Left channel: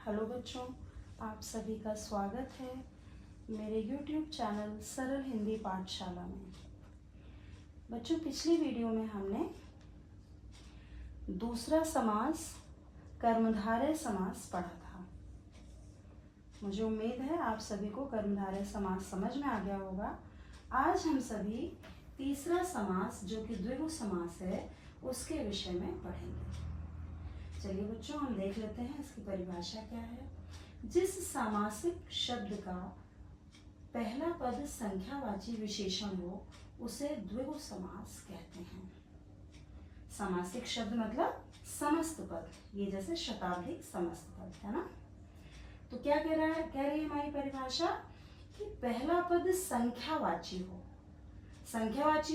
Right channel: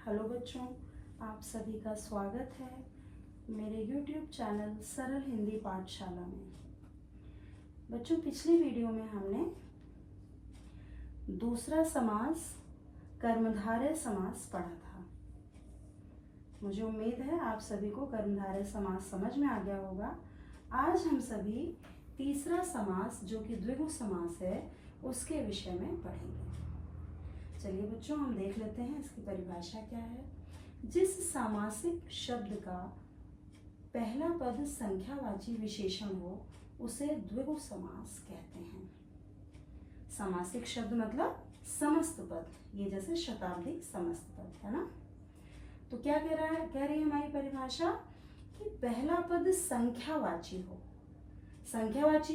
Hello बच्चों, आप सभी का स्वागत है मेरे YouTube चैनल सरल हिंदी पाठशाला में। बच्चों, पिछली वीडियो में हमने दूसरा समास कर्मधारय समास पढ़ा था। मुझे उम्मीद है आप सभी को कर्मधारय समास समझ में आ गया होगा। आज हम सभी तीसरा समास जो कि द्विगु समास है उसके विषय में पढ़ेंगे। चलिए बच्चों, हम देख लेते हैं इसकी परिभाषा क्या है। जिस सामासिक शब्द का पहला पद संख्यावाची विशेषण हो उसे द्विगु समास कहते हैं। सामासिक शब्द मतलब समस्त पद, ये जैसे शताब्दी समस्त पद है ना। तो क्या कह रही है हमारी परिभाषा कि पहला पद संख्यावाची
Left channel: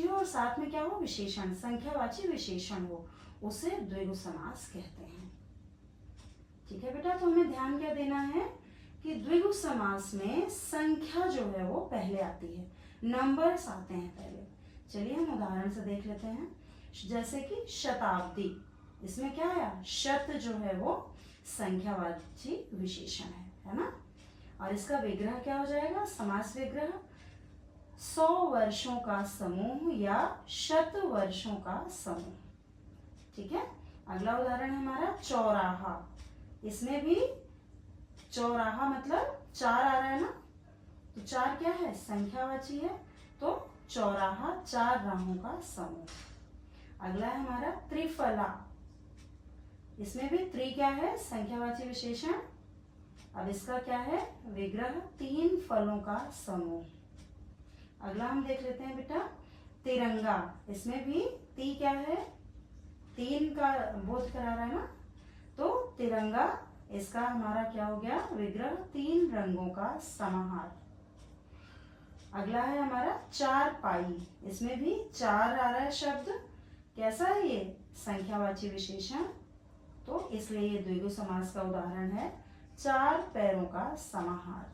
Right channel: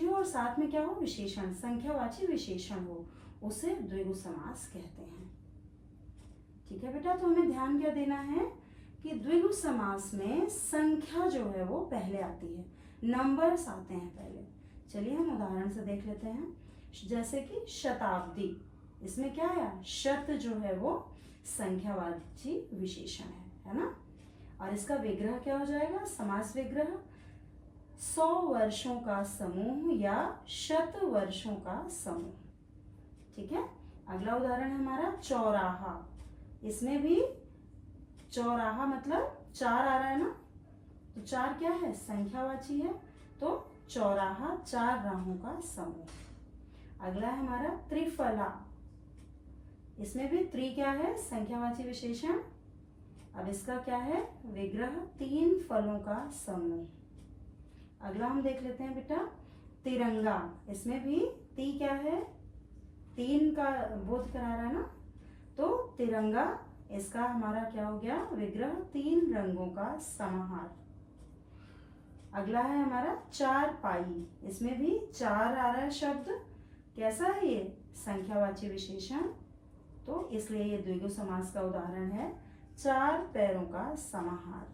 हो और साथ में क्या हो, विशेषण, संख्यावाची विशेषण हो, उसे द्विगु समास कहते हैं। ठीक है बेटा, तो हमें ध्यान क्या देना है कि द्विगु समास में संख्या जो है वो पहले आती है, नंबर्स आते हैं पहले। चलिए हम उदाहरण से देख लेते हैं। जैसे कि शताब्दी, इसमें क्या आया, शत जो है वो संख्यावाची विशेषण है ना। और इसका विग्रह क्या हो जाएगा, समास विग्रह 100 वर्षों का समूह या शत वर्षों का समूह। ठीक है, अगला उदाहरण है हमारा चौराहा। इसमें भी चौराहा मतलब 4 आ रहा है ना, तो 4 क्या है, संख्यावाची है, तो चौराहा 4 राहों का समूह। अगला है हमारा त्रिफला। इसमें भी त्रि क्या है, संख्यावाची विशेषण। अब इसका क्या है, विग्रह 3 फलों का समूह। अगला हम देख लेते हैं बेटा तिरंगा। इसमें भी ती क्या है, 3 का बोध करा रहा है ना, तो तिरंगा इसका हमारा क्या हो गया, विग्रह 3 रंगों का समाहार। अगला है हमारा चारपाई। इसमें भी 4 आ रहा है शब्द, कैसा है ये, संख्यावाची विशेषण, तो इसलिए ये द्विगु समास का उदाहरण है, 4 पैरों का समाहार।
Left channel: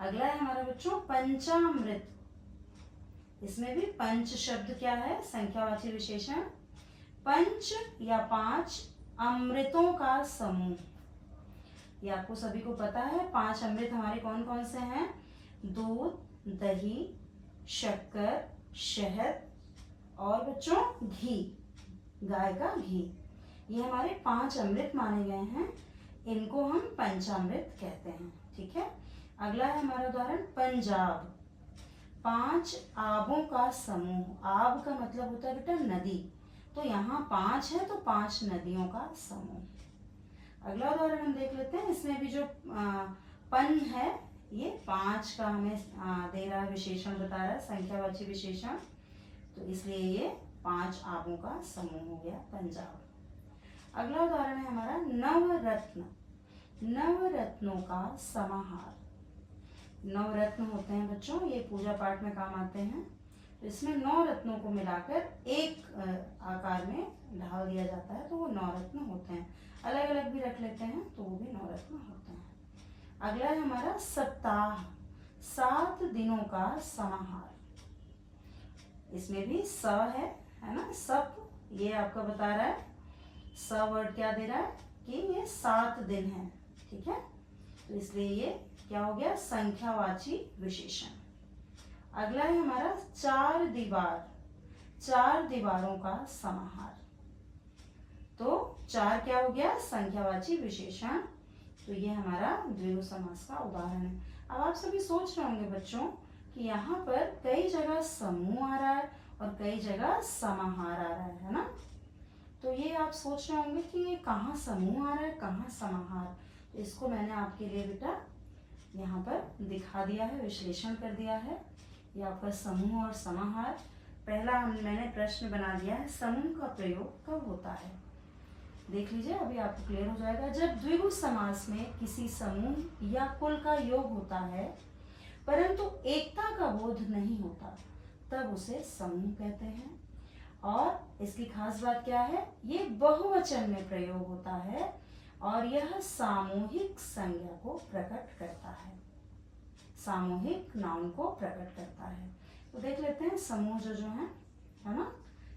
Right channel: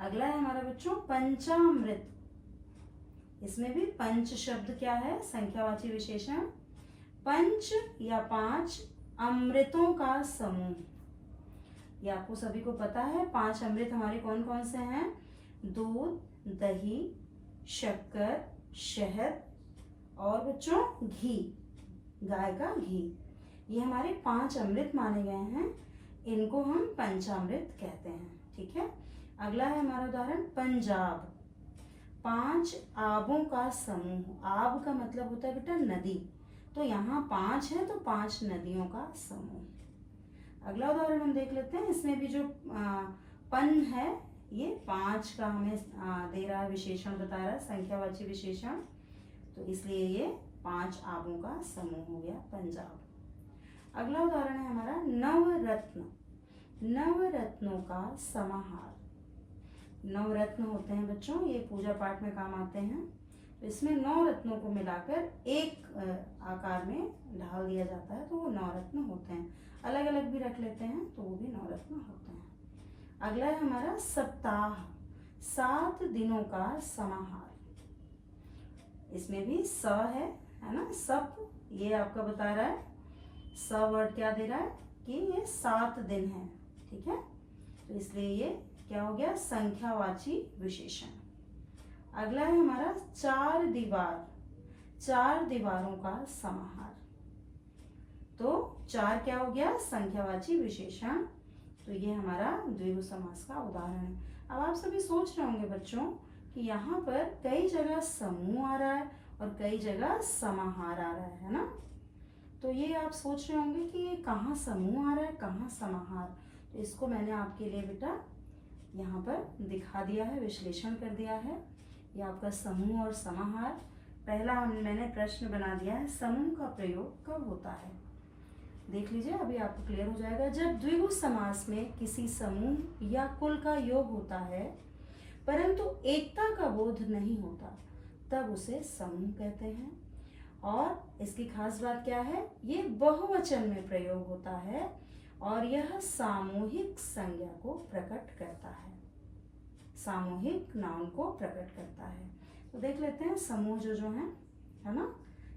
अगला है हमारा बच्चों पंचामृत। इसमें भी पंच शब्द क्या है, संख्यावाची विशेषण, पंच या 5 अमृतों का समूह। ये आपको सभी को पता है। 5 अमृत हमारे कौन कौन से हैं, दूध, दही, शक्कर, शहद और बच्चों घी, गाय का घी, ये हमारे 5 अमृत माने गए हैं। इनको हम पंचामृत कहते हैं। ठीक है, अगला है हमारा उदाहरण पंजाब। 5 आबों का समूह। आब का मतलब होता है बेटा नदी, तो यहाँ 5 है तो 5 नदियों का समूह। अगला उदाहरण हम देख लेते हैं। इसमें भी जो पन है ये 5 का हमें दे रहा है, विशेषण बता रहा है, संख्यावाची विशेषण, तो इसलिए ये 5 आबों का समूह हो गया पंजाब। अगला उदाहरण है हमारा नवरत्न। नवरत्नों का समाहार। नवरत्न होते हैं बच्चों, ये पूजा पाठ में काम आते हैं, तो इसमें 9 रत्नों को मिलाकर एक आकार में ढाल दिया जाता है, तो वो 9 रत्न होते हैं। अलग अलग भी रख लेते हैं तो वो भी 9 रत्न होते हैं। अगला है हमारा सप्ताह, 7 दिनों का समाहार। इसमें भी स है ना, सप, ये आपका बता रहा है, स वर्ड क्या दे रहा है कि ये 7 दिन है। ठीक है, तो इसलिए ये क्या हो गया, संख्यावाची विशेषण। अगला है हमारा 4 दीवार। 4 दीवारों का समाहार, तो 4 क्या हो गया, संख्यावाची विशेषण, तो ये हमारा द्विगु समास का उदाहरण है। अब आप सभी सोच रहे होंगे बच्चों कि यहाँ पर कई जगह समूह आ रहा है और कई जगह समाहार आ रहा है ना। तो ये आप सोच रहे होंगे कि ये कहाँ समूह आ रहा है, कहाँ समाहार। तो इसको मैंने आपके लिए बेटा यहाँ पर दिखा दिया है, विश्लेषण कर दिया है। ये आपका समूह और समाहार। पहला मैंने प्रश्न बना दिया है, समूह का प्रयोग कब होता है। देख लीजिए, अभी आपको क्लियर हो जाएगा। जब द्विगु समास में किसी समूह या कुल का योग होता है परंतु एकता का बोध नहीं होता, तब उसे समूह कहते हैं। और इसकी खास बात क्या है, ये बहुवचन में प्रयोग होता है और यह सामूहिक संज्ञा को प्रकट करता है, सामूहिक नाउन को प्रकट करता है। तो देख लेते हैं समूह जो है ना,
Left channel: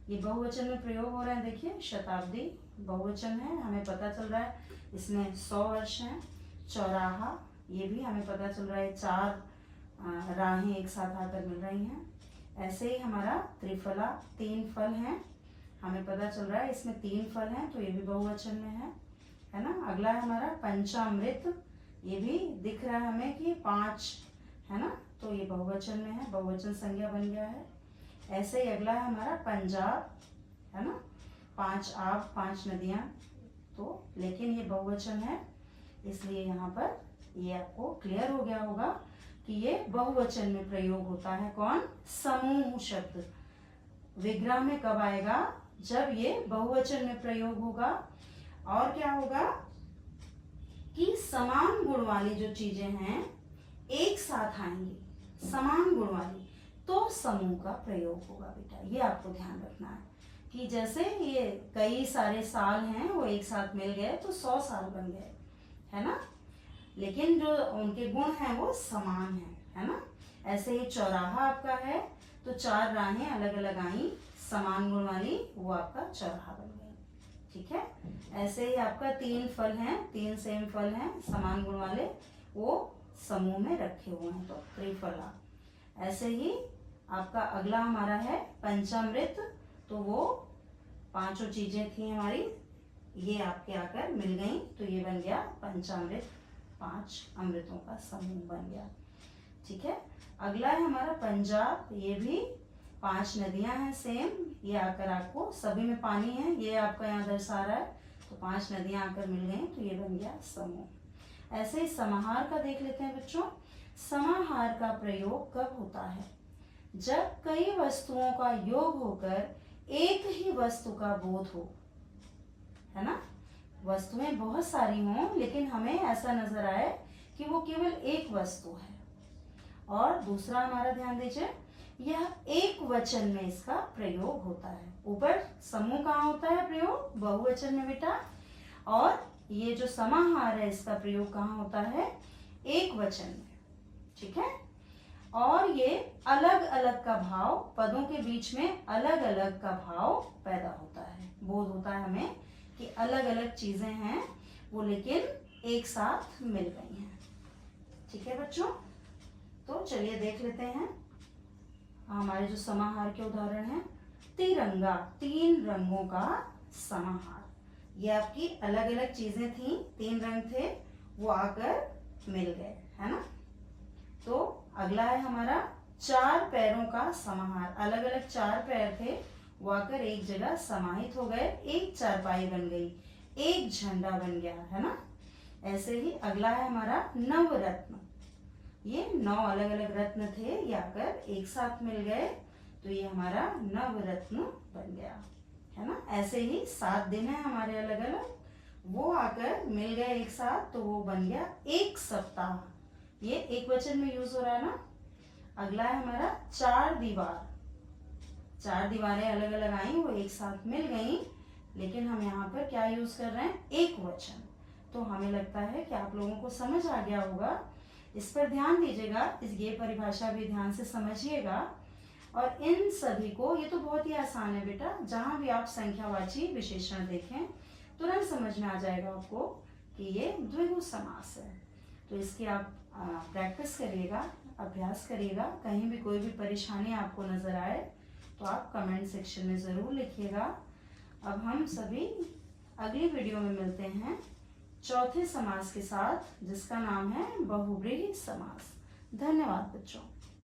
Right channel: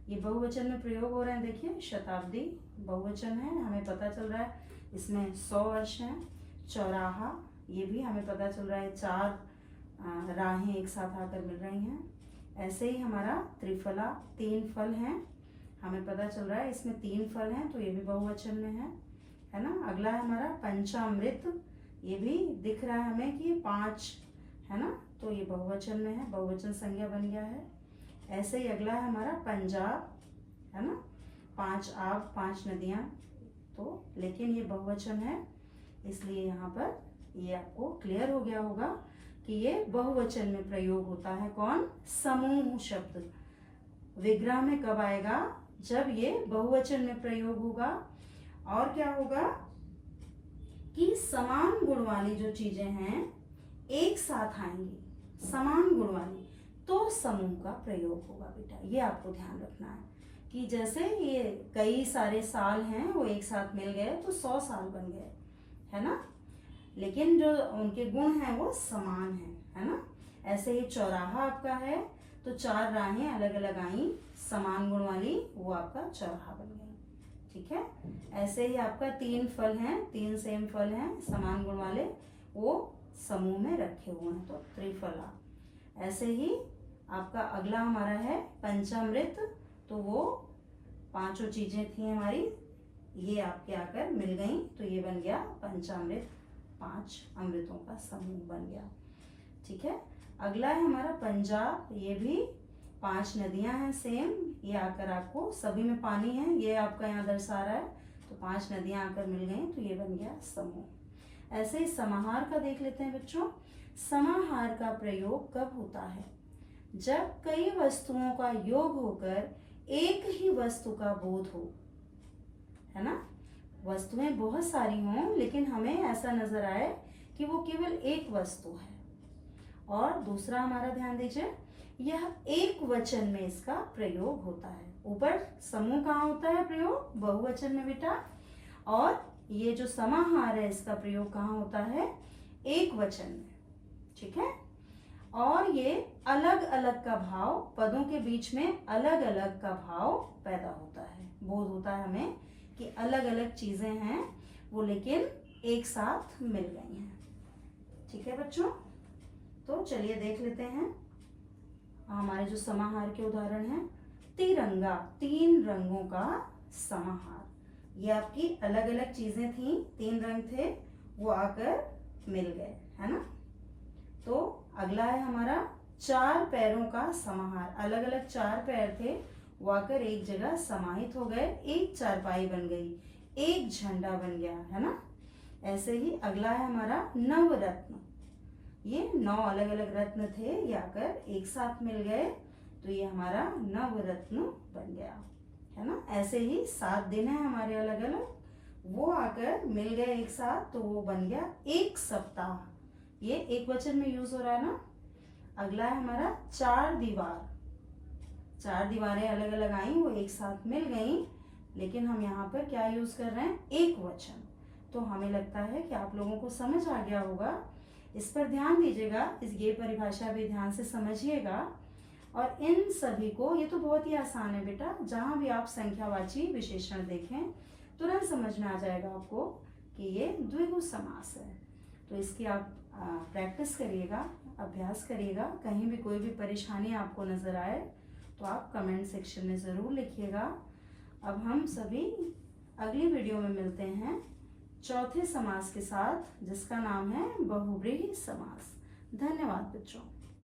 ये बहुवचन में प्रयोग हो रहे हैं। देखिए शताब्दी बहुवचन है, हमें पता चल रहा है इसमें 100 वर्ष हैं। चौराहा, ये भी हमें पता चल रहा है 4 राहें एक साथ आकर मिल रही हैं। ऐसे ही हमारा त्रिफला, 3 फल हैं, हमें पता चल रहा है इसमें 3 फल हैं, तो ये भी बहुवचन में है ना। अगला है हमारा पंचामृत, ये भी दिख रहा है हमें कि 5 है ना, तो ये बहुवचन में है, बहुवचन संज्ञा बन गया है। ऐसे ही अगला है हमारा पंजाब, है ना, 5 आब, 5 नदियाँ, तो लेकिन ये बहुवचन है, इसलिए यहाँ पर ये आपको क्लियर हो गया होगा कि ये बहुवचन में प्रयोग होता है। कौन? समूह शब्द। विग्रह में कब आएगा? जब ये बहुवचन में प्रयोग होगा। और क्या होगा कि समान गुण वाली जो चीजें हैं एक साथ आएंगी, समान गुण वाली, तो समूह का प्रयोग होगा बेटा। ये आपको ध्यान रखना है कि जैसे ये कई सारे साल हैं वो एक साथ मिल गए तो 100 साल बन गए, है ना, लेकिन जो उनके गुण हैं वो समान है ना। ऐसे ही चौराहा आपका है तो 4 राहें अलग अलग आई समान गुण वाली, वो आपका चौराहा बन गई। ठीक है। ऐसे ही आपका 3 फल हैं, 3 सेम फल हैं समान गुण वाले, वो समूह में रखे हुए हैं, तो त्रिफला। ऐसे ही आपका अगला हमारा है पंचामृत, तो वो 5 चीजें थी हमारी, ये आपके आकर मिल गई, तो ये बन गया पंचामृत, 5 अमृतों का समूह बन गया। ठीक है। अगला है हमारा पंजाब, ये भी 5 नदियां हैं सेम, ये आकर आपको सभी में पानी है, ये आपका यहाँ दर्शा रहा है, तो 5 नदियां आकर मिल गई, तो ये बन गया समूह। ऐसे ही समाहार का देख लेते हैं बच्चों। समाहार का प्रयोग कब होता है? जब कई वस्तुओं का योग होकर एक ही वस्तु का बोध हो, है ना। वस्तुएं बहुत सारी हों लेकिन हमें ऐसा नजर आए कि वो केवल एक वस्तु है। और दूसरा हमारा ध्यान दीजिए, यह एक वचन में इसका प्रयोग होता है। ऊपर समूह कहाँ होता है प्रयोग? बहुवचन में बेटा। और ये जो समाहार है इसका प्रयोग कहाँ होता है? एक वचन में। ठीक है। और ये अलग अलग का भाव, पदों के बीच में अलग अलग का भाव पैदा होता है, बोध होता है हमें कि अलग अलग चीजें हैं वो लेकिन एक साथ मिल गई हैं। ठीक है बच्चों, तो चलिए देख लेते हैं हमारे जो समाहार के उदाहरण हैं। तिरंगा, 3 रंगों का समाहार। ये आपकी अलग अलग चीजें थी, 3 रंग थे, वो आकर मिल गए, है ना। तो अगला है हमारा 4 पैरों का समाहार। अलग अलग 4 पैर थे, वो आकर एक जगह समाहित हो गए, एक चारपाई बन गई, एक झंडा बन गया, है ना। ऐसे ही अगला है हमारा नवरत्न। ये 9 अलग अलग रत्न थे, ये आकर एक साथ मिल गए, तो ये हमारा नवरत्न बन गया, है ना। ऐसे ही 7 दिन है हमारे अलग अलग, वो आकर मिल गए एक साथ, तो वो बन गया एक सप्ताह। ये एक वचन में यूज हो रहा है ना। अगला है हमारा 4 दीवार। 4 दीवारें अलग अलग आई, वो एक साथ मिल गई, लेकिन हम यहाँ पर क्या यूज कर रहे हैं? एक वचन। तो हमें लगता है कि आप लोगों को समझ आ गया होगा। इस पर ध्यान दीजिएगा, ये परिभाषा भी ध्यान से समझिएगा। और इन सभी को, ये तो बहुत ही आसान है बेटा, जहां भी आप संख्यावाची विशेषण देखें तुरंत समझ में आ जाएगा आपको कि ये द्विगु समास है। तो इसकी आप प्रैक्टिस करिएगा, अभ्यास करिएगा। कहीं भी कोई भी परेशानी आपको नजर आए तो आप कमेंट सेक्शन में ज़रूर लिखिएगा। अब हम सभी अगली वीडियो में मिलते हैं चौथे समास के साथ, जिसका नाम है बहुव्रीहि समास। धन्यवाद बच्चों।